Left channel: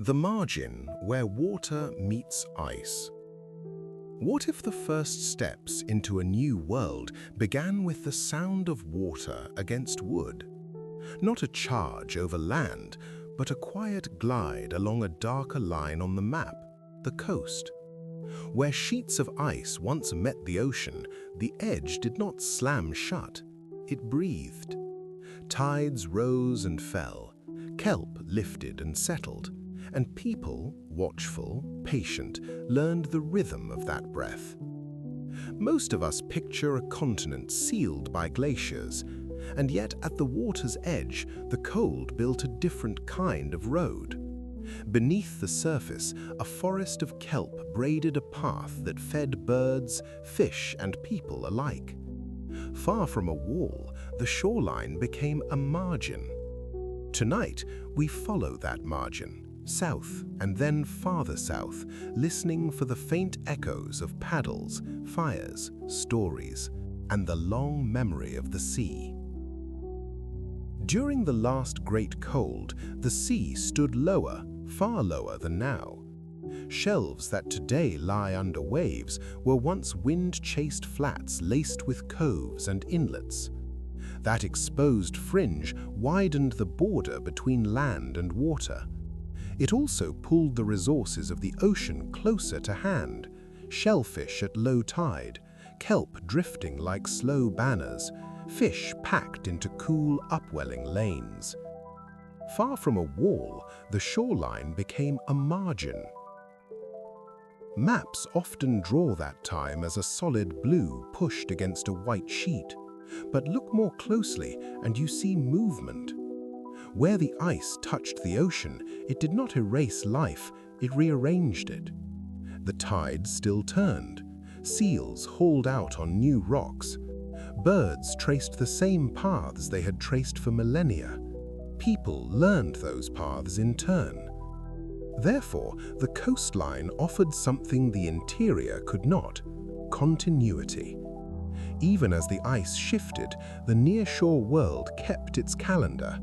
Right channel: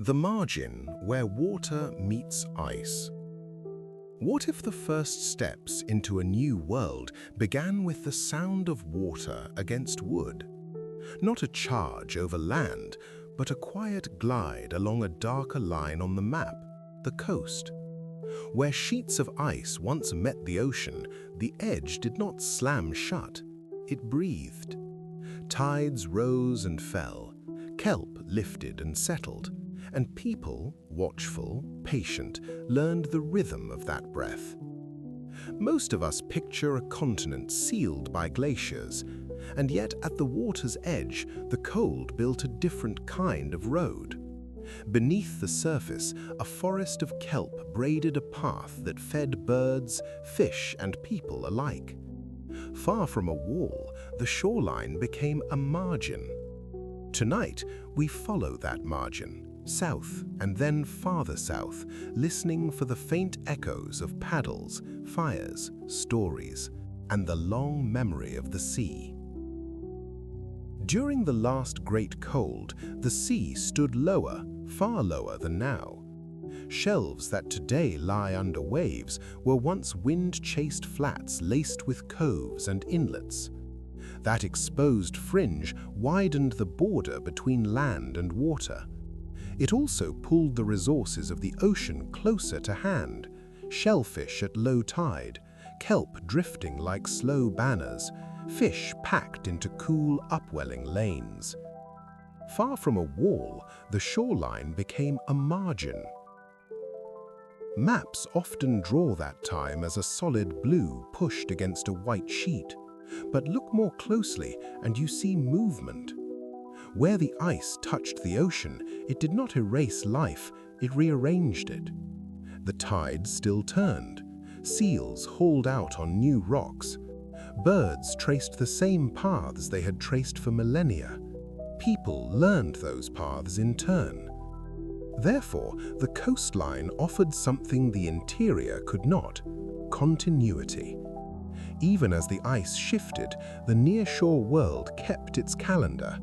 The margin where water meets ice. What if the first steps into a new world began with the sound of water against wood? Not a charge over land, but a quiet glide along a darker line on the map, the coast. Where sheets of ice once met the ocean, the edge did not slam shut, it breathed. Tides rose and fell, kelp lifted and settled, and people, watchful, patient, learned the rhythm of that breath. Most of us picture a continent sealed by glaciers, and yet at the water's edge, the cold built a different kind of road. Beneath the surface, a forest of kelp braided a path that fed birds, fish, and people alike. Far from a wall, the shoreline became a margin. Tonight, we follow that margin, south and then farther south, listening for the faint echoes of paddles, fires, stories, and the long memory of the sea. During the last great cold, the sea stood lower, far lower than now. Shelves that today lie under waves were once wind-chased flats laced with coves and inlets. That exposed fringe widened the border between land and water. It also pulled the resources of the ocean closer to hand, shellfish at low tide, kelp drifting like slow banners, fish packed into cool upwelling lanes. Far from a wall, the shoreline became a margin. Maps often draw that time as a solid blue pushed against a white sheet, but look more closely and you see movement. Where the ice touched the ocean, it did not erase life, it rearranged it. The tide still turned. Seals hauled out on new rocks. Birds traced the same paths they had traced for millennia. People learned those paths in turn. Therefore, the coastline offered something the interior could not: continuity. Even as the ice shifted, the nearshore world kept its calendar:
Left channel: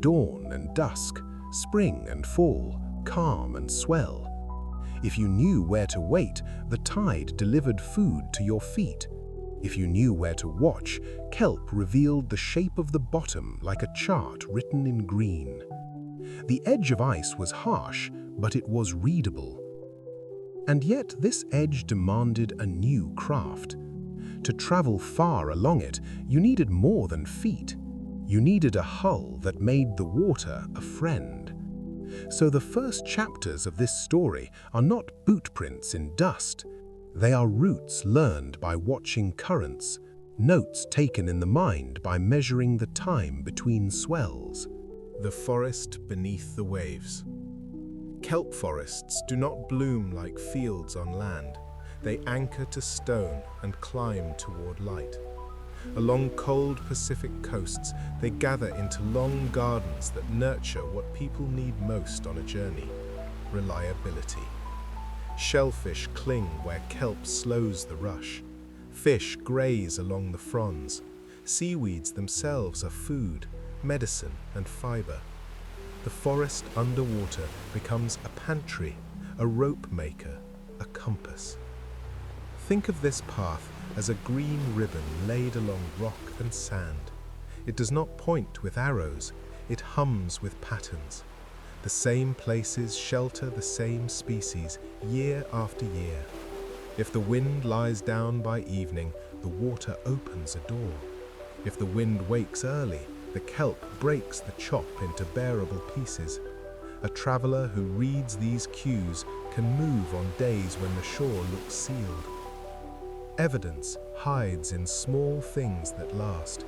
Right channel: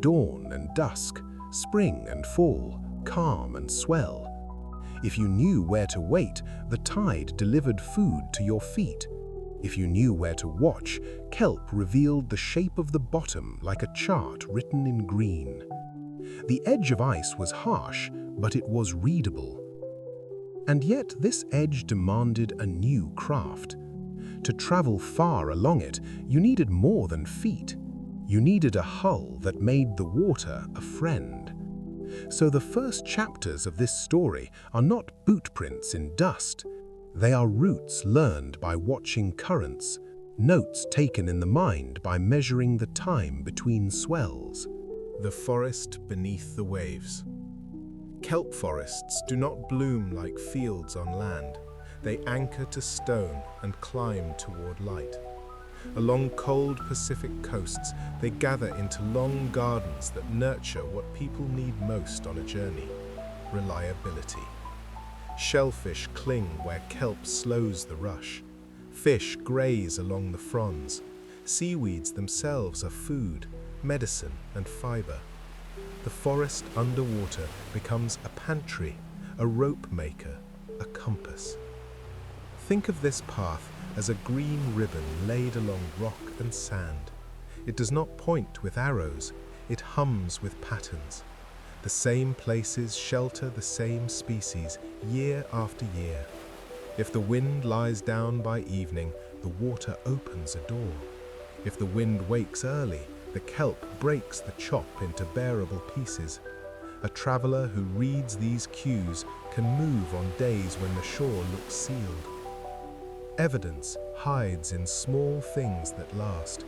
dawn and dusk, spring and fall, calm and swell. If you knew where to wait, the tide delivered food to your feet. If you knew where to watch, kelp revealed the shape of the bottom like a chart written in green. The edge of ice was harsh, but it was readable. And yet this edge demanded a new craft. To travel far along it, you needed more than feet. You needed a hull that made the water a friend. So the first chapters of this story are not bootprints in dust. They are routes learned by watching currents, notes taken in the mind by measuring the time between swells. The forest beneath the waves. Kelp forests do not bloom like fields on land. They anchor to stone and climb toward light. Along cold Pacific coasts, they gather into long gardens that nurture what people need most on a journey: reliability. Shellfish cling where kelp slows the rush. Fish graze along the fronds. Seaweeds themselves are food, medicine, and fiber. The forest underwater becomes a pantry, a rope maker, a compass. Think of this path as a green ribbon laid along rock and sand. It does not point with arrows, it hums with patterns. The same places shelter the same species year after year. If the wind lies down by evening, the water opens a door. If the wind wakes early, the kelp breaks the chop into bearable pieces. A traveler who reads these cues can move on days when the shore looks sealed. Evidence hides in small things that last.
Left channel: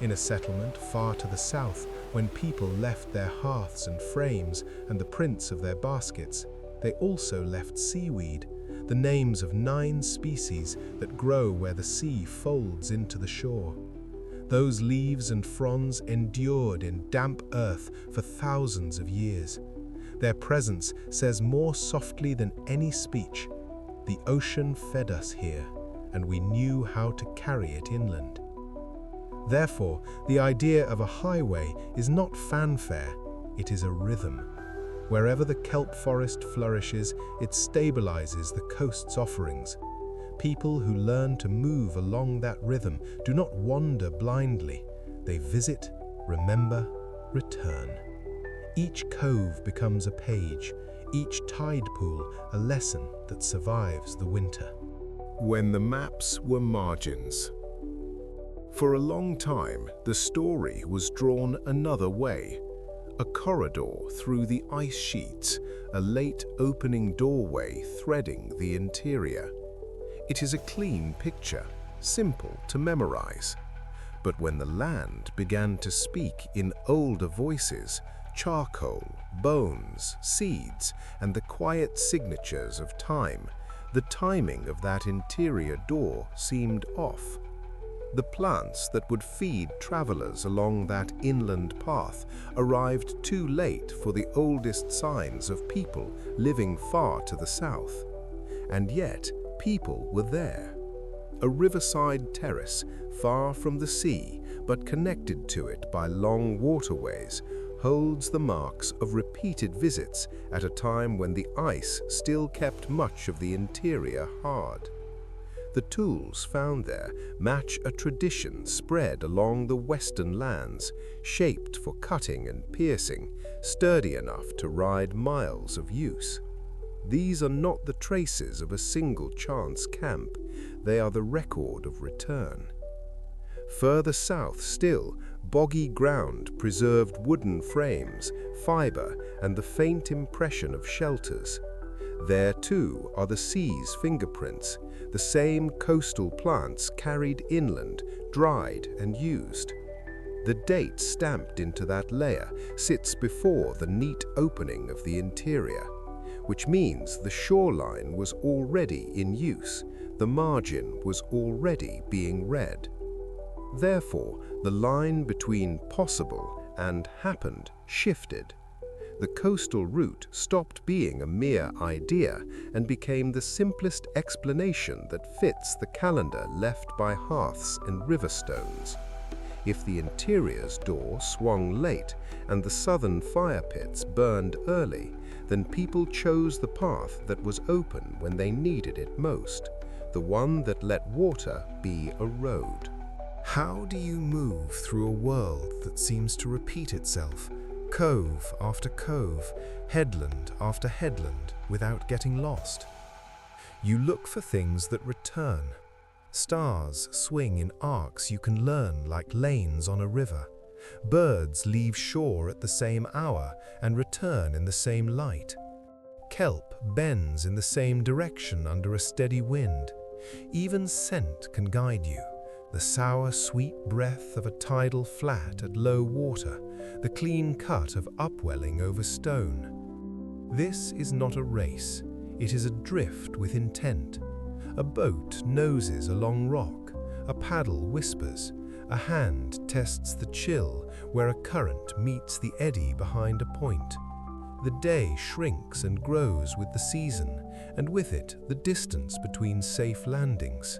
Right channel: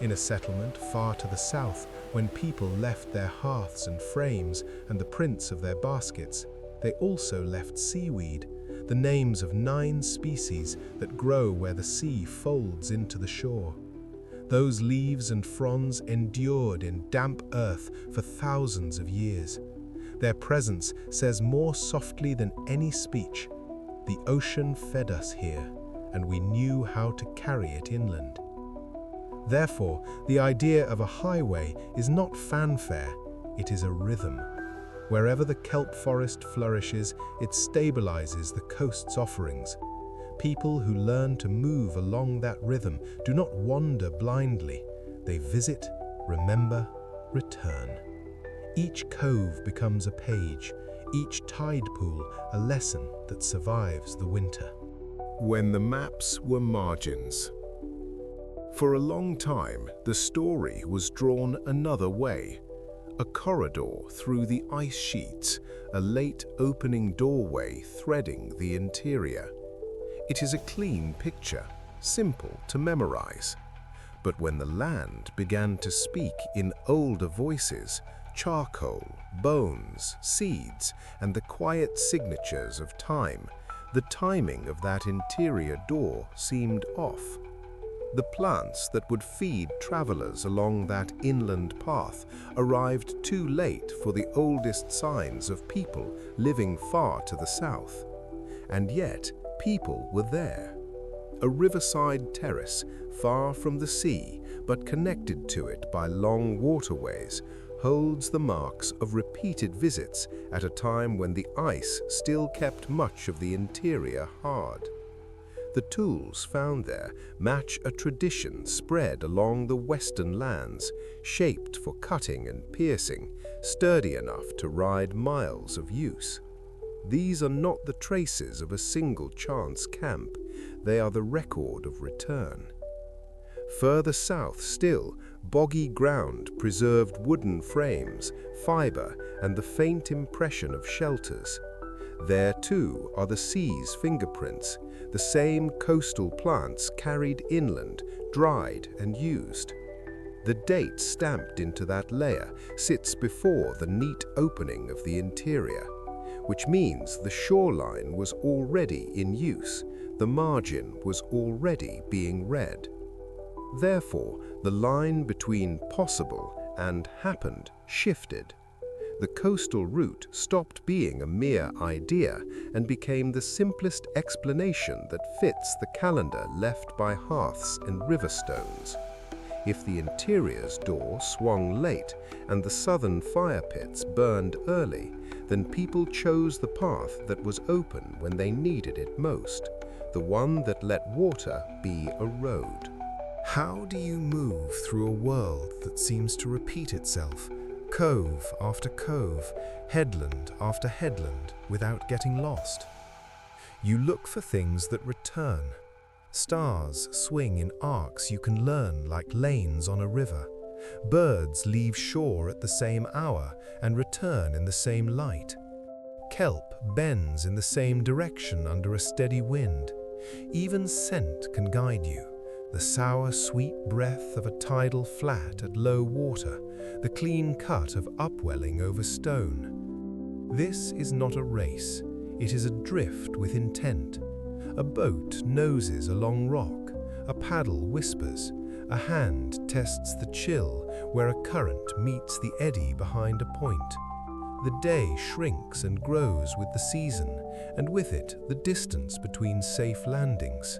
In a settlement far to the south, when people left their hearths and frames and the prints of their baskets, they also left seaweed, the names of 9 species that grow where the sea folds into the shore. Those leaves and fronds endured in damp earth for thousands of years. Their presence says more softly than any speech: the ocean fed us here, and we knew how to carry it inland. Therefore, the idea of a highway is not fanfare, it is a rhythm. Wherever the kelp forest flourishes, it stabilizes the coast's offerings. People who learn to move along that rhythm do not wander blindly. They visit, remember, return. Each cove becomes a page, each tide pool a lesson that survives the winter. When the maps were margins. For a long time, the story was drawn another way. A corridor through the ice sheets, a late opening doorway threading the interior. It is a clean picture, simple to memorize. But when the land began to speak in older voices, charcoal, bones, seeds, and the quiet signatures of time, the timing of that interior door seemed off. The plants that would feed travelers along that inland path arrived too late for the oldest signs of people living far to the south. And yet, people were there. A riverside terrace, far from the sea, but connected to it by long waterways, holds the marks of repeated visits at a time when the ice still kept much of the interior hard. The tools found there match a tradition spread along the western lands, shaped for cutting and piercing, sturdy enough to ride miles of use. These are not the traces of a single chance camp, they are the record of return. Further south still, boggy ground preserved wooden frames, fiber, and the faint impression of shelters. There too are the sea's fingerprints, the same coastal plants carried inland, dried and used. The date stamped into that layer sits before the neat opening of the interior, which means the shoreline was already in use, the margin was already being read. Therefore, the line between possible and happened shifted. The coastal route stopped being a mere idea and became the simplest explanation that fits the calendar left by hearths and river stones. If the interior's door swung late and the southern fire pits burned early, then people chose the path that was open when they needed it most, the one that let water be a road. How do you move through a world that seems to repeat itself, cove after cove, headland after headland, without getting lost? You look for things that return. Stars swing in arcs you can learn like lanes on a river. Birds leave shore at the same hour and return in the same light. Kelp bends in the same direction under a steady wind. Even scent can guide you. The sour, sweet breath of a tidal flat at low water, the clean cut of upwelling over stone. This is not a race, it is a drift with intent. A boat noses along rock, a paddle whispers, a hand tests the chill where a current meets the eddy behind a point. The day shrinks and grows with the season, and with it the distance between safe landings.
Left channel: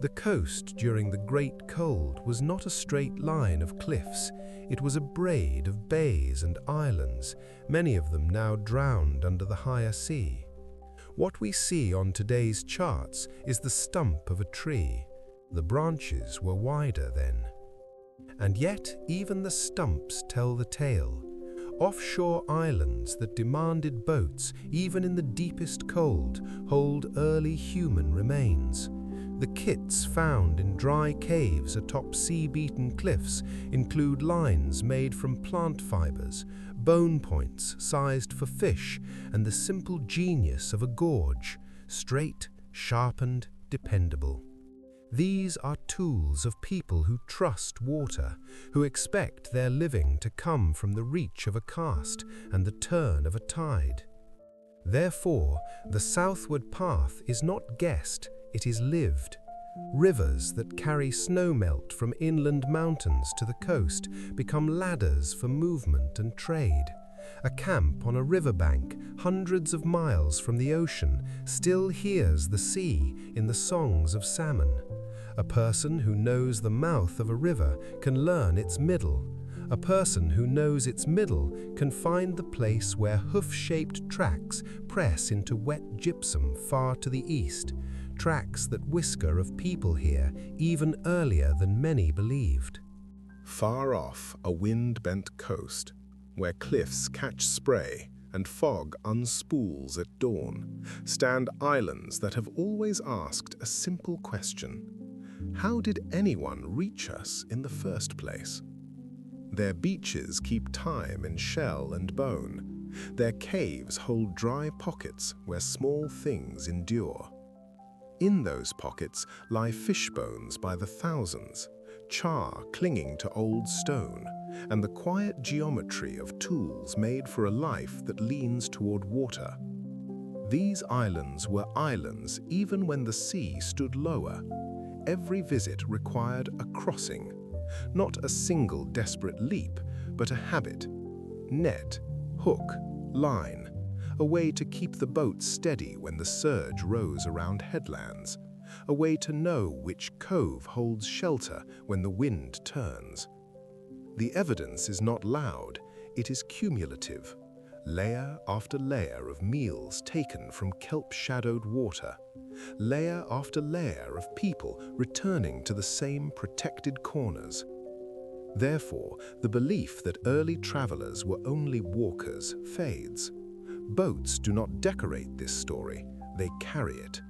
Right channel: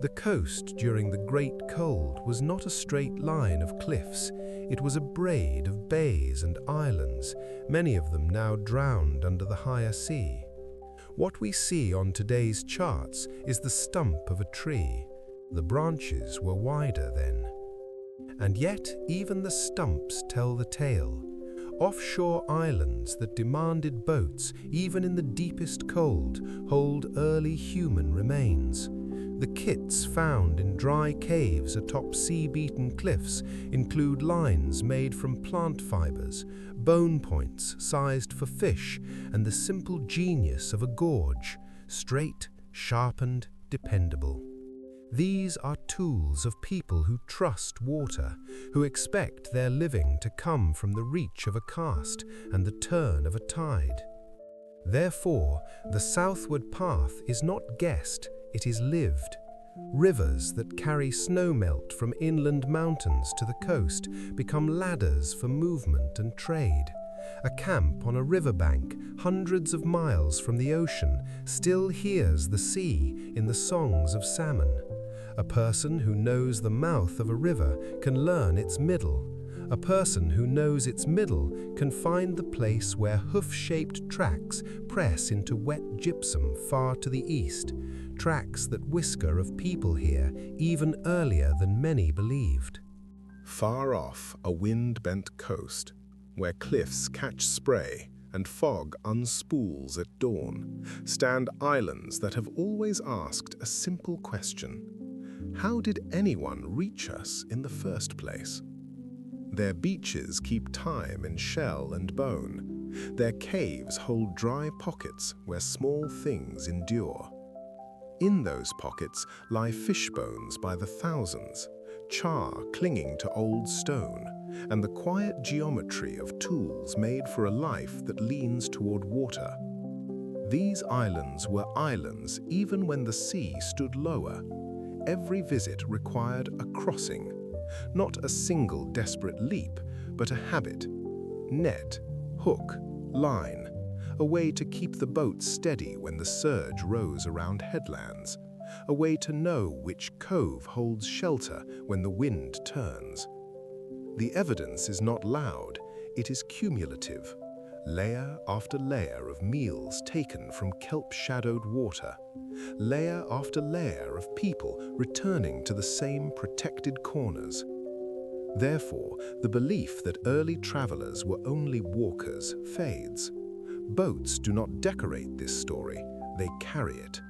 The coast during the Great Cold was not a straight line of cliffs, it was a braid of bays and islands, many of them now drowned under the higher sea. What we see on today's charts is the stump of a tree. The branches were wider then. And yet even the stumps tell the tale. Offshore islands that demanded boats, even in the deepest cold, hold early human remains. The kits found in dry caves atop sea-beaten cliffs include lines made from plant fibers, bone points sized for fish, and the simple genius of a gorge, straight, sharpened, dependable. These are tools of people who trust water, who expect their living to come from the reach of a cast and the turn of a tide. Therefore, the southward path is not guessed, it is lived. Rivers that carry snowmelt from inland mountains to the coast become ladders for movement and trade. A camp on a riverbank, hundreds of miles from the ocean, still hears the sea in the songs of salmon. A person who knows the mouth of a river can learn its middle. A person who knows its middle can find the place where hoof-shaped tracks press into wet gypsum far to the east, tracks that whisker of people here even earlier than many believed. Far off, a wind-bent coast, where cliffs catch spray and fog unspools at dawn, stand islands that have always asked a simple question: how did anyone reach us in the first place? Their beaches keep time in shell and bone. Their caves hold dry pockets where small things endure. In those pockets lie fish bones by the thousands, char clinging to old stone, and the quiet geometry of tools made for a life that leans toward water. These islands were islands even when the sea stood lower. Every visit required a crossing, not a single desperate leap, but a habit. Net, hook, line, a way to keep the boat steady when the surge rose around headlands, a way to know which cove holds shelter when the wind turns. The evidence is not loud, it is cumulative. Layer after layer of meals taken from kelp-shadowed water, layer after layer of people returning to the same protected corners. Therefore, the belief that early travelers were only walkers fades. Boats do not decorate this story, they carry it.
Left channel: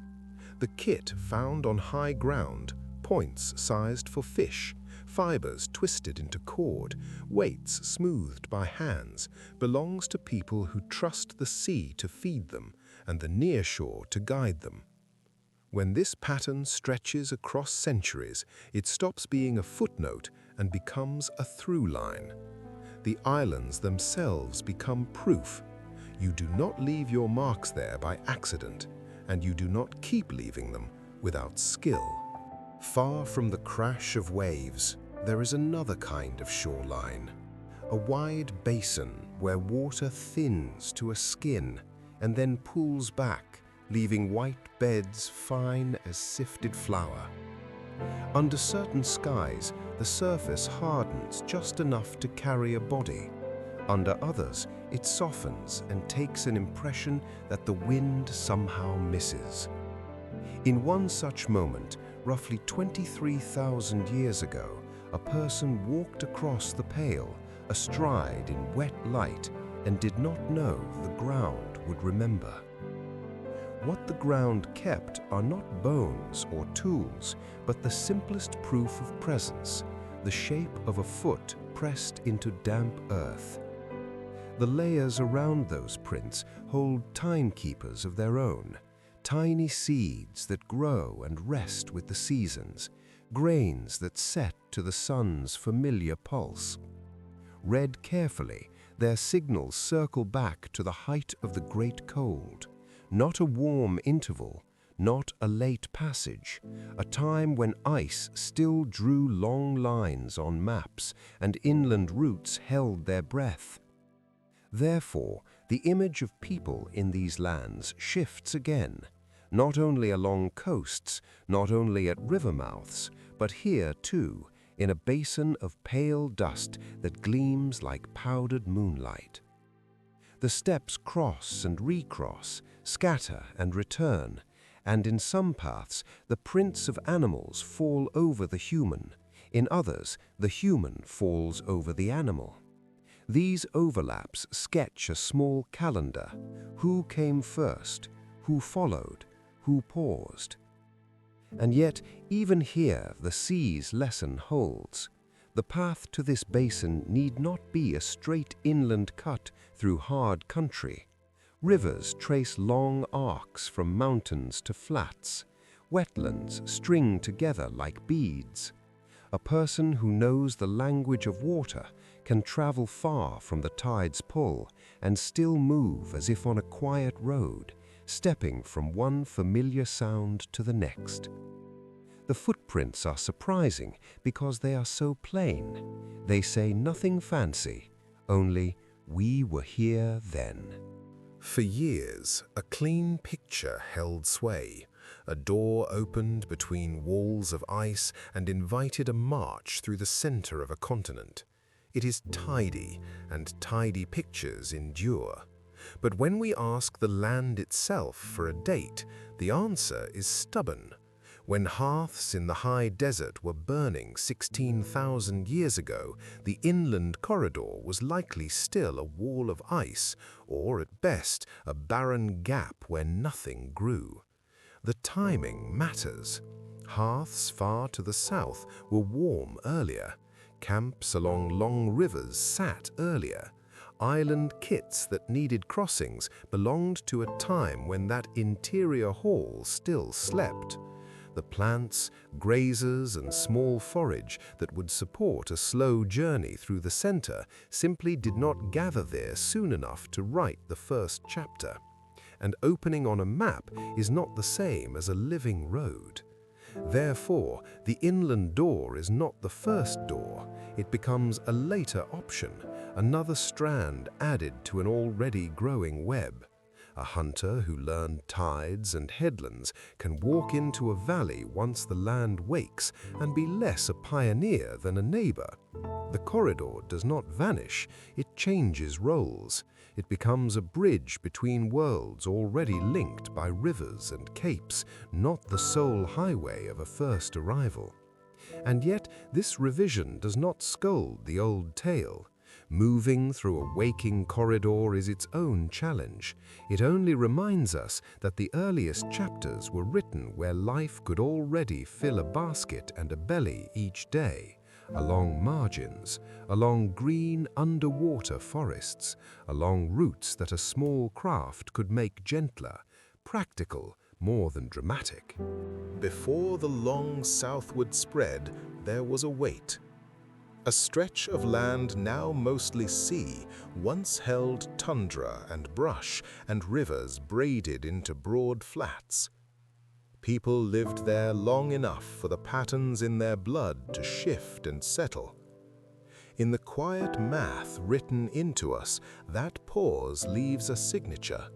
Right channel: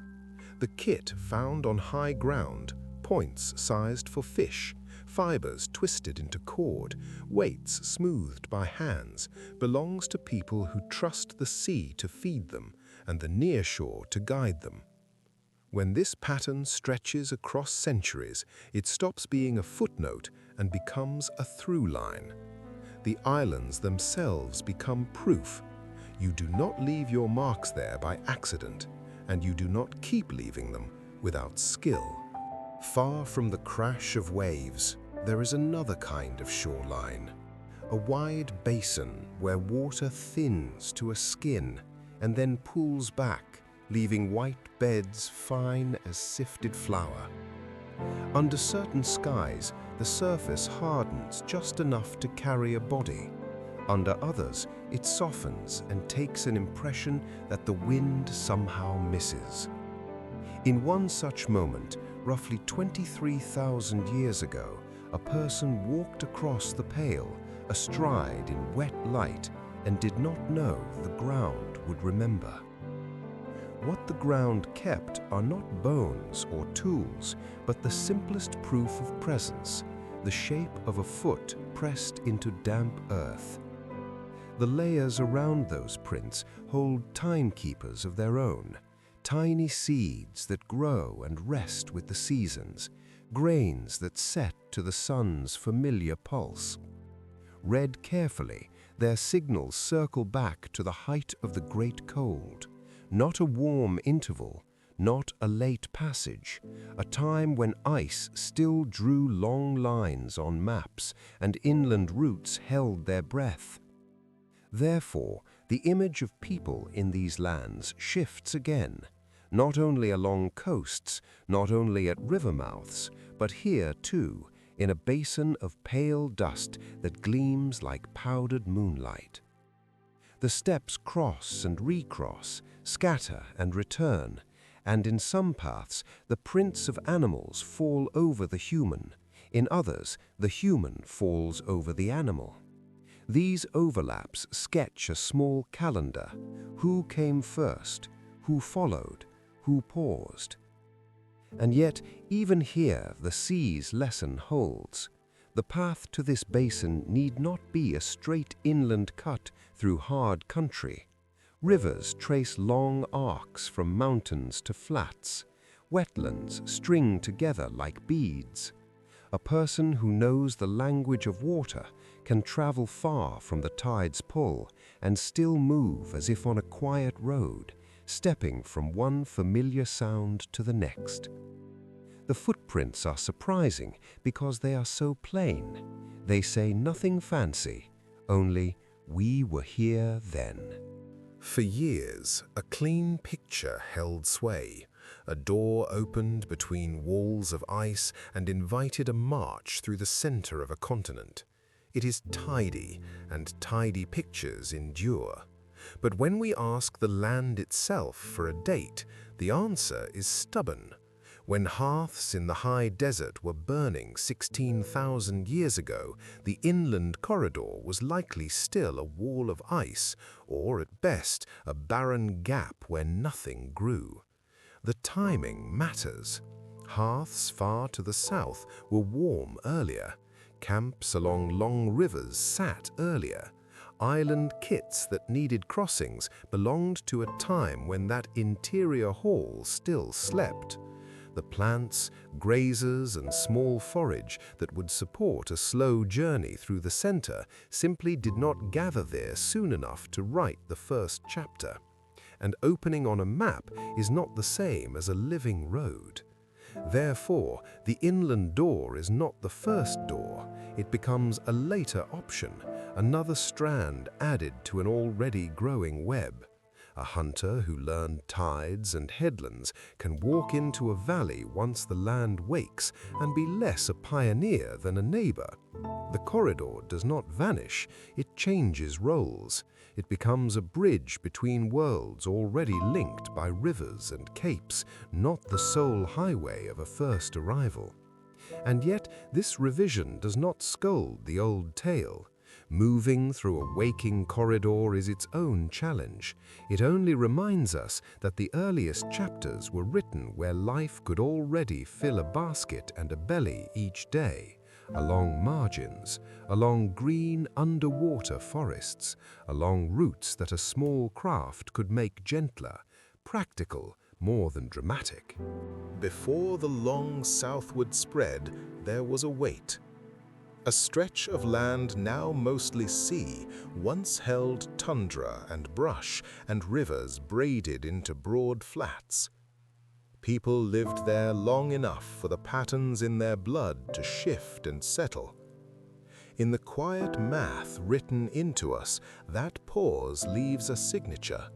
The kit found on high ground, points sized for fish, fibers twisted into cord, weights smoothed by hands, belongs to people who trust the sea to feed them and the near shore to guide them. When this pattern stretches across centuries, it stops being a footnote and becomes a through line. The islands themselves become proof. You do not leave your marks there by accident, and you do not keep leaving them without skill. Far from the crash of waves, there is another kind of shoreline. A wide basin where water thins to a skin and then pools back, leaving white beds fine as sifted flour. Under certain skies, the surface hardens just enough to carry a body. Under others, it softens and takes an impression that the wind somehow misses. In one such moment, roughly 23,000 years ago, a person walked across the Pale, astride in wet light, and did not know the ground would remember. What the ground kept are not bones or tools, but the simplest proof of presence, the shape of a foot pressed into damp earth. The layers around those prints hold timekeepers of their own, tiny seeds that grow and rest with the seasons, grains that set to the sun's familiar pulse. Read carefully, their signals circle back to the height of the great cold, not a warm interval, not a late passage, a time when ice still drew long lines on maps and inland routes held their breath. Therefore, the image of people in these lands shifts again, not only along coasts, not only at river mouths, but here too, in a basin of pale dust that gleams like powdered moonlight. The steps cross and recross, scatter and return, and in some paths the prints of animals fall over the human, in others the human falls over the animal. These overlaps sketch a small calendar: who came first, who followed, who paused. And yet, even here the sea's lesson holds. The path to this basin need not be a straight inland cut through hard country. Rivers trace long arcs from mountains to flats. Wetlands string together like beads. A person who knows the language of water can travel far from the tide's pull and still move as if on a quiet road, stepping from one familiar sound to the next. The footprints are surprising because they are so plain. They say nothing fancy, only "we were here then." For years, a clean picture held sway. A door opened between walls of ice and invited a march through the center of a continent. It is tidy, and tidy pictures endure. But when we ask the land itself for a date, the answer is stubborn. When hearths in the high desert were burning 16,000 years ago, the inland corridor was likely still a wall of ice, or at best, a barren gap where nothing grew. The timing matters. Hearths far to the south were warm earlier. Camps along long rivers sat earlier. Island kits that needed crossings belonged to a time when that interior hall still slept. The plants, grazers, and small forage that would support a slow journey through the center simply did not gather there soon enough to write the first chapter. And opening on a map is not the same as a living road. Therefore, the inland door is not the first door. It becomes a later option, another strand added to an already growing web. A hunter who learned tides and headlands can walk into a valley once the land wakes and be less a pioneer than a neighbor. The corridor does not vanish, it changes roles. It becomes a bridge between worlds already linked by rivers and capes, not the sole highway of a first arrival. And yet this revision does not scold the old tale. Moving through a waking corridor is its own challenge. It only reminds us that the earliest chapters were written where life could already fill a basket and a belly each day, along margins, along green underwater forests, along routes that a small craft could make gentler, practical more than dramatic. Before the long southward spread, there was a wait. A stretch of land now mostly sea once held tundra and brush and rivers braided into broad flats. People lived there long enough for the patterns in their blood to shift and settle. In the quiet math written into us, that pause leaves a signature,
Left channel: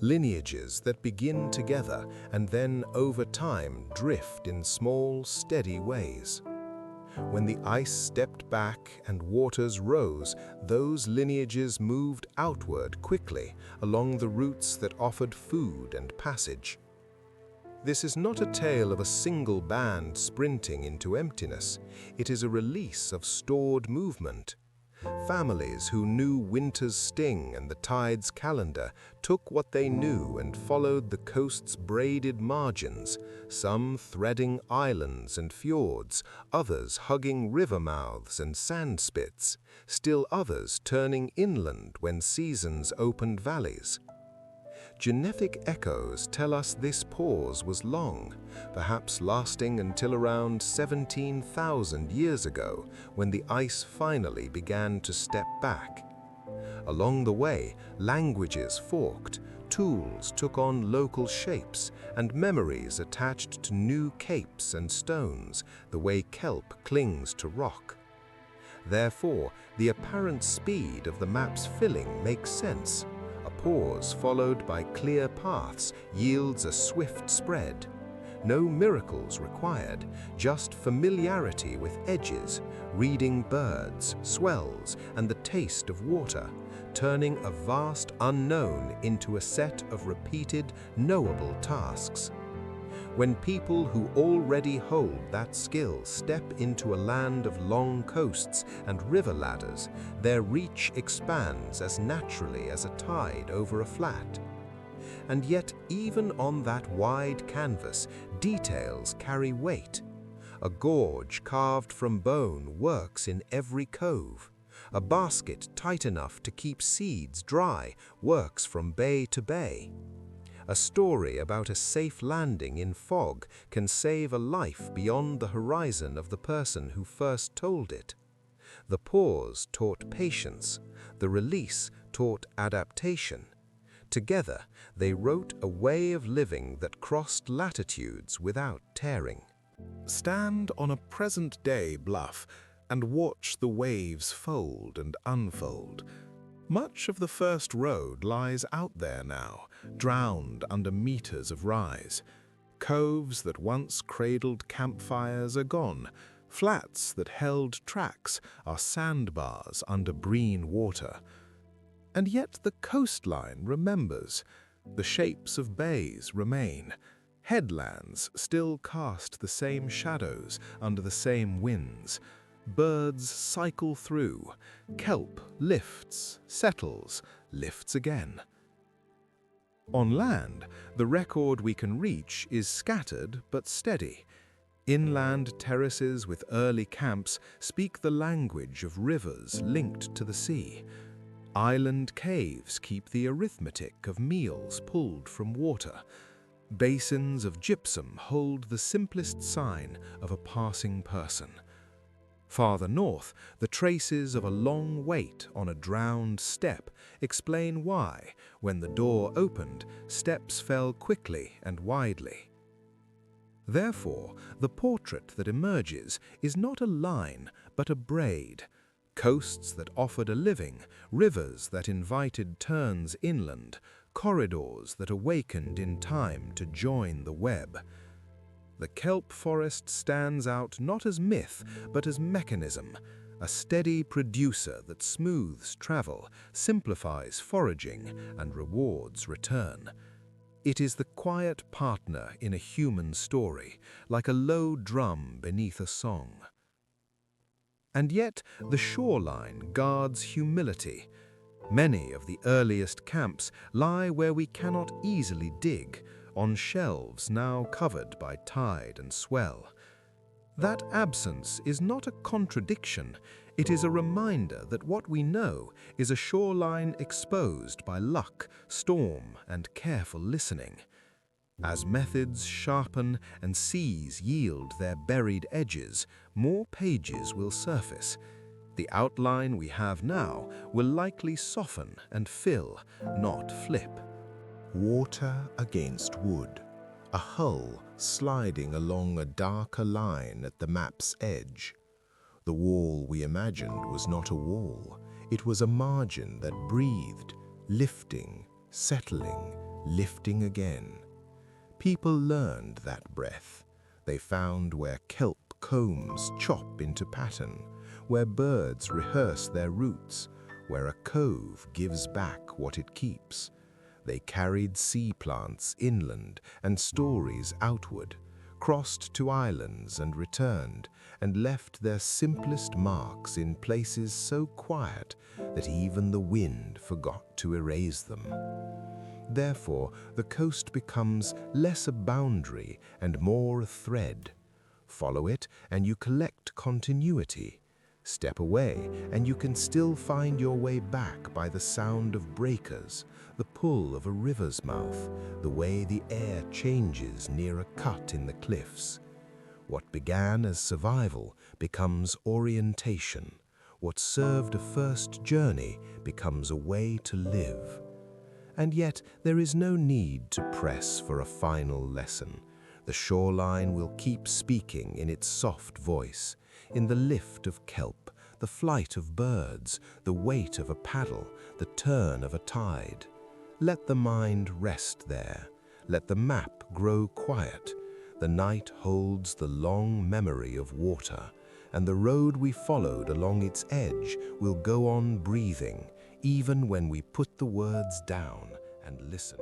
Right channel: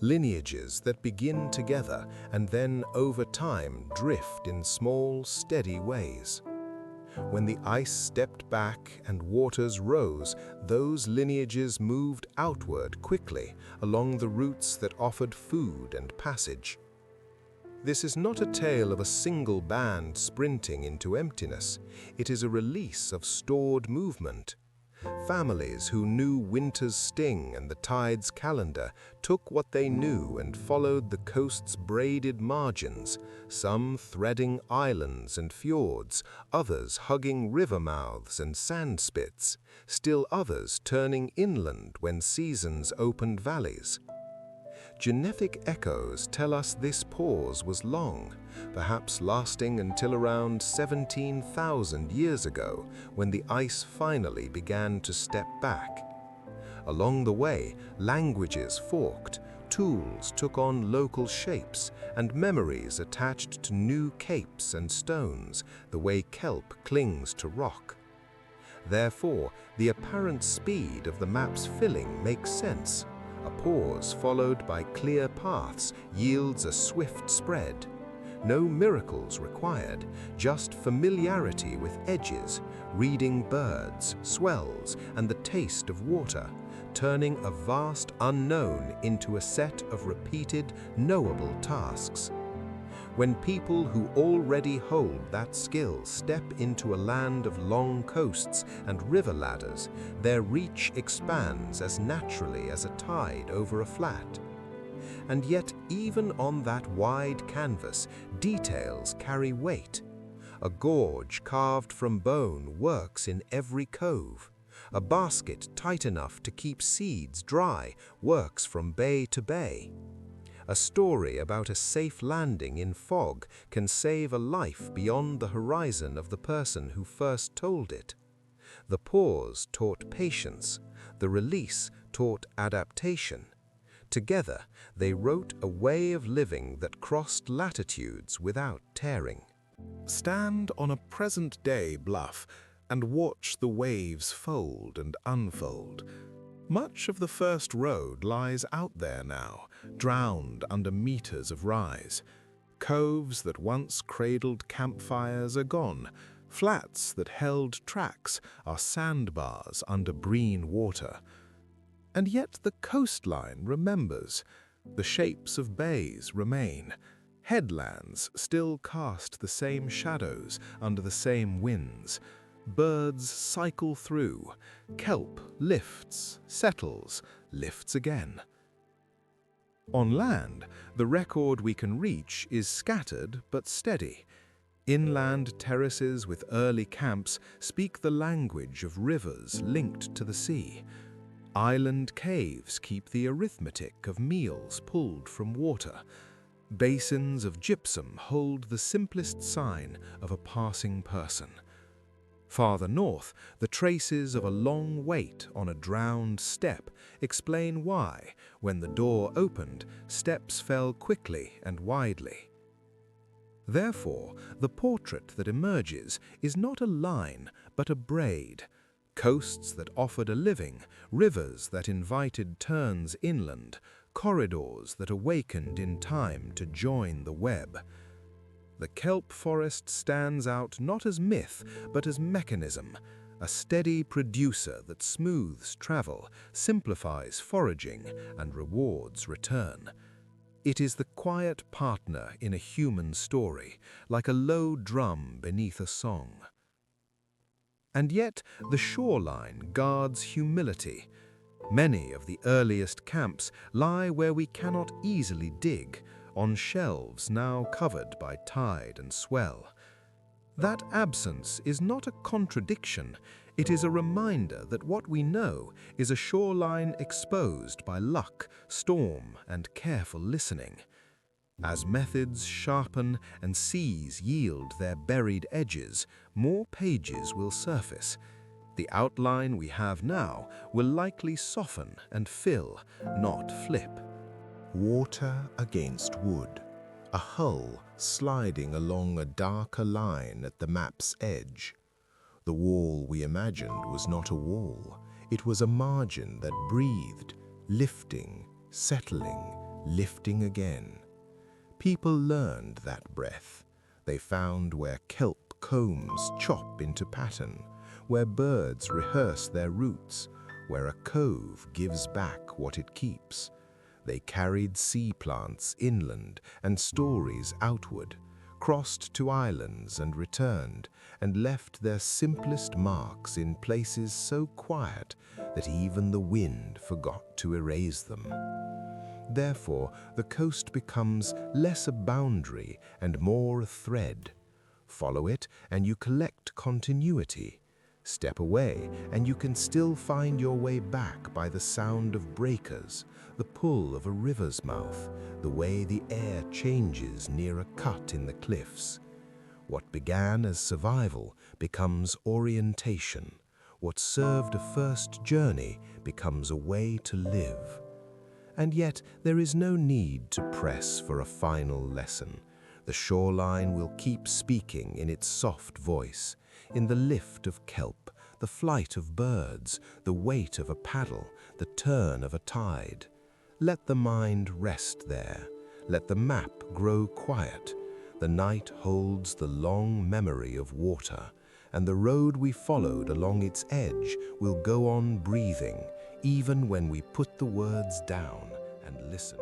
lineages that begin together and then over time drift in small, steady ways. When the ice stepped back and waters rose, those lineages moved outward quickly along the routes that offered food and passage. This is not a tale of a single band sprinting into emptiness. It is a release of stored movement. Families who knew winter's sting and the tide's calendar took what they knew and followed the coast's braided margins, some threading islands and fjords, others hugging river mouths and sand spits, still others turning inland when seasons opened valleys. Genetic echoes tell us this pause was long, perhaps lasting until around 17,000 years ago, when the ice finally began to step back. Along the way, languages forked, tools took on local shapes, and memories attached to new capes and stones, the way kelp clings to rock. Therefore, the apparent speed of the map's filling makes sense. A pause followed by clear paths yields a swift spread. No miracles required, just familiarity with edges, reading birds, swells, and the taste of water, turning a vast unknown into a set of repeated, knowable tasks. When people who already hold that skill step into a land of long coasts and river ladders, their reach expands as naturally as a tide over a flat. And yet, even on that wide canvas, details carry weight. A gorge carved from bone works in every cove. A basket tight enough to keep seeds dry works from bay to bay. A story about a safe landing in fog can save a life beyond the horizon of the person who first told it. The pause taught patience, the release taught adaptation. Together, they wrote a way of living that crossed latitudes without tearing. Stand on a present-day bluff and watch the waves fold and unfold. Much of the first road lies out there now, drowned under meters of rise. Coves that once cradled campfires are gone. Flats that held tracks are sandbars under green water. And yet the coastline remembers. The shapes of bays remain. Headlands still cast the same shadows under the same winds. Birds cycle through. Kelp lifts, settles, lifts again. On land, the record we can reach is scattered but steady. Inland terraces with early camps speak the language of rivers linked to the sea. Island caves keep the arithmetic of meals pulled from water. Basins of gypsum hold the simplest sign of a passing person. Farther north, the traces of a long wait on a drowned step explain why, when the door opened, steps fell quickly and widely. Therefore, the portrait that emerges is not a line, but a braid. Coasts that offered a living, rivers that invited turns inland, corridors that awakened in time to join the web. The kelp forest stands out not as myth, but as mechanism, a steady producer that smooths travel, simplifies foraging, and rewards return. It is the quiet partner in a human story, like a low drum beneath a song. And yet, the shoreline guards humility. Many of the earliest camps lie where we cannot easily dig, on shelves now covered by tide and swell. That absence is not a contradiction, it is a reminder that what we know is a shoreline exposed by luck, storm, and careful listening. As methods sharpen and seas yield their buried edges, more pages will surface. The outline we have now will likely soften and fill, not flip. Water against wood, a hull sliding along a darker line at the map's edge. The wall we imagined was not a wall, it was a margin that breathed, lifting, settling, lifting again. People learned that breath. They found where kelp combs chop into pattern, where birds rehearse their roots, where a cove gives back what it keeps. They carried sea plants inland and stories outward, crossed to islands and returned, and left their simplest marks in places so quiet that even the wind forgot to erase them. Therefore, the coast becomes less a boundary and more a thread. Follow it and you collect continuity. Step away and you can still find your way back by the sound of breakers, the pull of a river's mouth, the way the air changes near a cut in the cliffs. What began as survival becomes orientation. What served a first journey becomes a way to live. And yet there is no need to press for a final lesson. The shoreline will keep speaking in its soft voice, in the lift of kelp, the flight of birds, the weight of a paddle, the turn of a tide. Let the mind rest there. Let the map grow quiet. The night holds the long memory of water, and the road we followed along its edge will go on breathing, even when we put the words down and listen.